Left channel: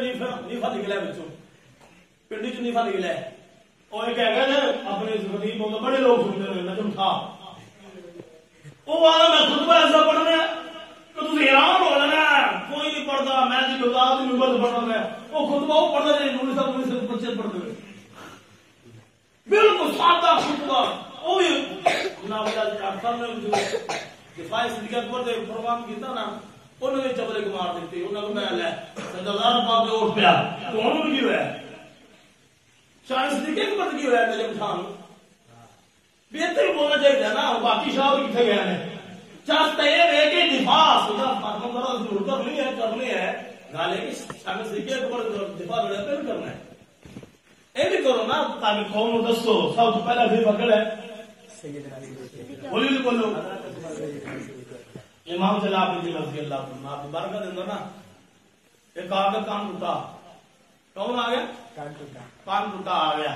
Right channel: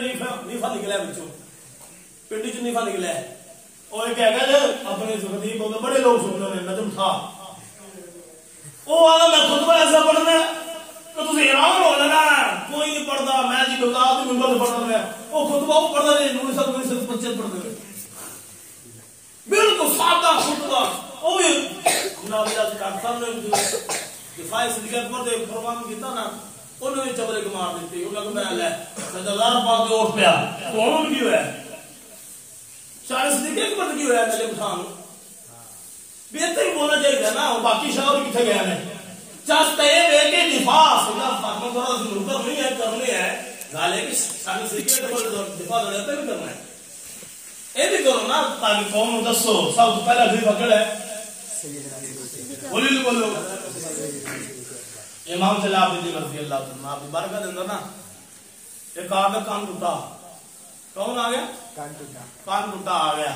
نیفا نکلا بچوں پنڈی چ نیفا نکلا وہ ایک ہے گا اپنے خطیب ہوتے بڑے لوگ سنتے ہیں نجم تھا وہ والا میں خطبہ ایسا پڑھنا کہ تسی حیران ہو جانا کوئی نہیں پڑھتا میں جی بتا دی ممبر سے پڑھتا ہے وہ خطبہ وہ پڑھتا ہے مولوی صاحب صرف بچے پڑھتے ہوئے بالکل سادہ خطبہ وہ بھی جناب ڈاکٹر صاحب نے دفاع صدیقہ اکبر دے پروگرام کیتا نا انہوں نے چبلے کو مار دیتی انہوں نے میں لے سجدار پاک دے اٹھ پیا تو ہوں کی ہوئے شان صدیقہ اکبر کی ہوئے نجم خان بہتر ہی بولنا چاہیے نا باقی شاہ بھی کتنے گیا ہے چاہتا ہے کہ دفاع سجا فاطمہ کرا ضرورت نہیں ہے کرنے ہے گالے کہ شان صدیقہ اکبر دفاع لڑتا بھی کرنا ہے اے بھی کرو نا تاکہ قوم دسو سب تو پہلا بھی پکڑ ہے بولی بولو امام جلال الدین رضی اللہ عنہ آپ کی برکت اندر نا ایک آگے کان ٹوٹا کون آ گیا کان ٹوٹا آ گیا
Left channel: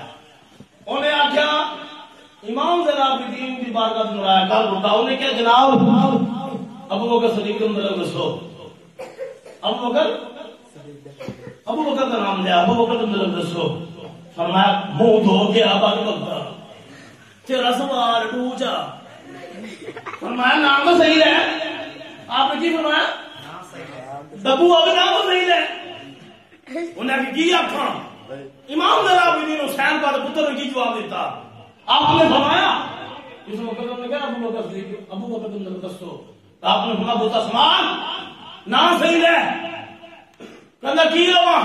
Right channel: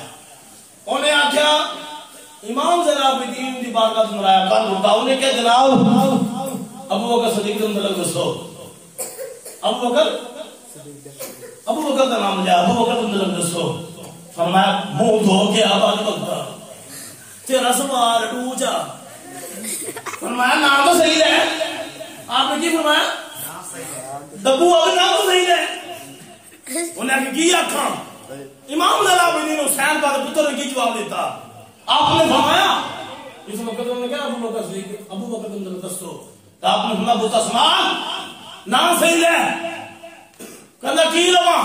انہیں آخیا امام جلال الدین کی برکت اندر آیا کان ٹوٹا انہیں کہا جناب ابو بکر صدیق کا مطلب دسو ابو بکر کا نام لیا ابو بکر کا مطلب دسو فرمایا منہ دھو کے آباد بکتا تیرا سوال ٹوچا فرمایا نام تو صحیح ہے آپ نے کی فرمایا دبو اب نام تو صحیح ہے انہیں کی آکھاں امام جلال الدین حسین کا پتر نے کی جواب دیتا آپ نے فرمایا اس مقدم نے کہا ابو بکر صدیق ابو بکر کا مطلب دسو آپ نے فرمایا بوتا سمان نام صحیح ہے کہنا کی لواں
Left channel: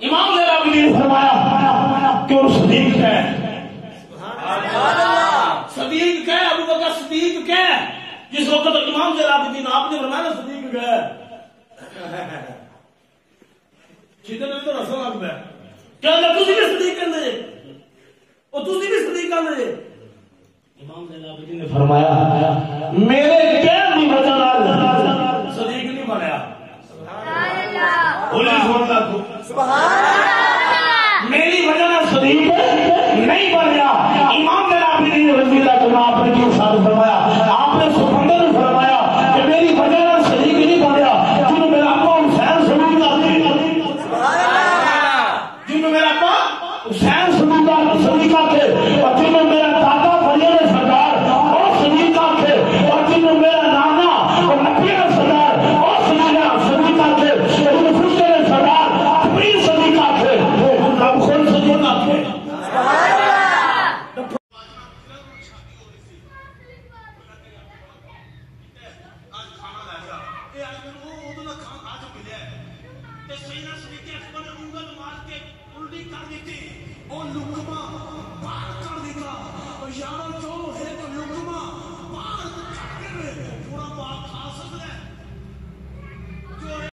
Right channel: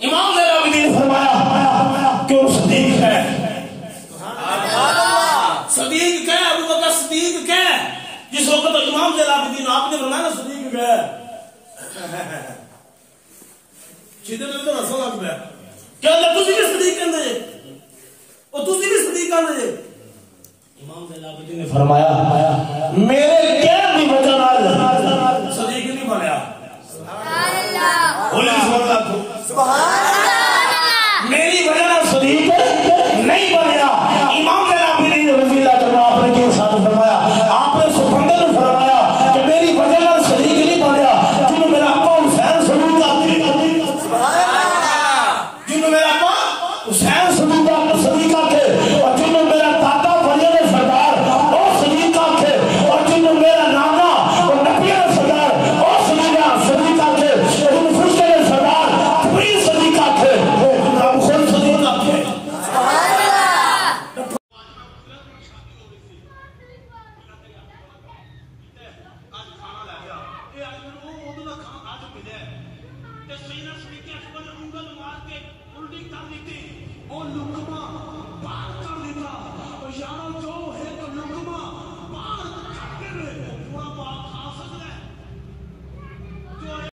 امام جلال الدین نے فرمایا کہ وہ صدیق ہے صدیق کہے ابو بکر صدیق کہے جس وقت امام جلال الدین آپ نے فرمایا نا صدیق کہے چیتے نے تو رسول آگ پہ کیا اللہ تجھے بھی صدیق کہنے دے اور تجھے بھی صدیق کہنے دے امام جلال الدین نے فرمایا میرے کہہ دی وجہ صدیق نہیں بنایا سبحان اللہ میری وجہ نہ صدیق نہیں بنیا امام جلال الدین رضی اللہ عنہ آپ نے کیوں ساتھ فرمایا آپ نے سکندر نے فرمایا کہ میری وجہ نہ صدیق نہیں بنیا جنہوں میرا ابا حسین صدیق سبحان اللہ جنہوں میرا ابا حسین صدیق تھے اور جنہوں میرا دادا فضل سردار وہ صدیق تھے اور جنہوں میرا نانا وہ نبی سردار وہ صدیق تھے جنہوں فرشتے سردار تبریز صدیق تھے اب خود صدیق تھے سبحان اللہ وہ لقمہ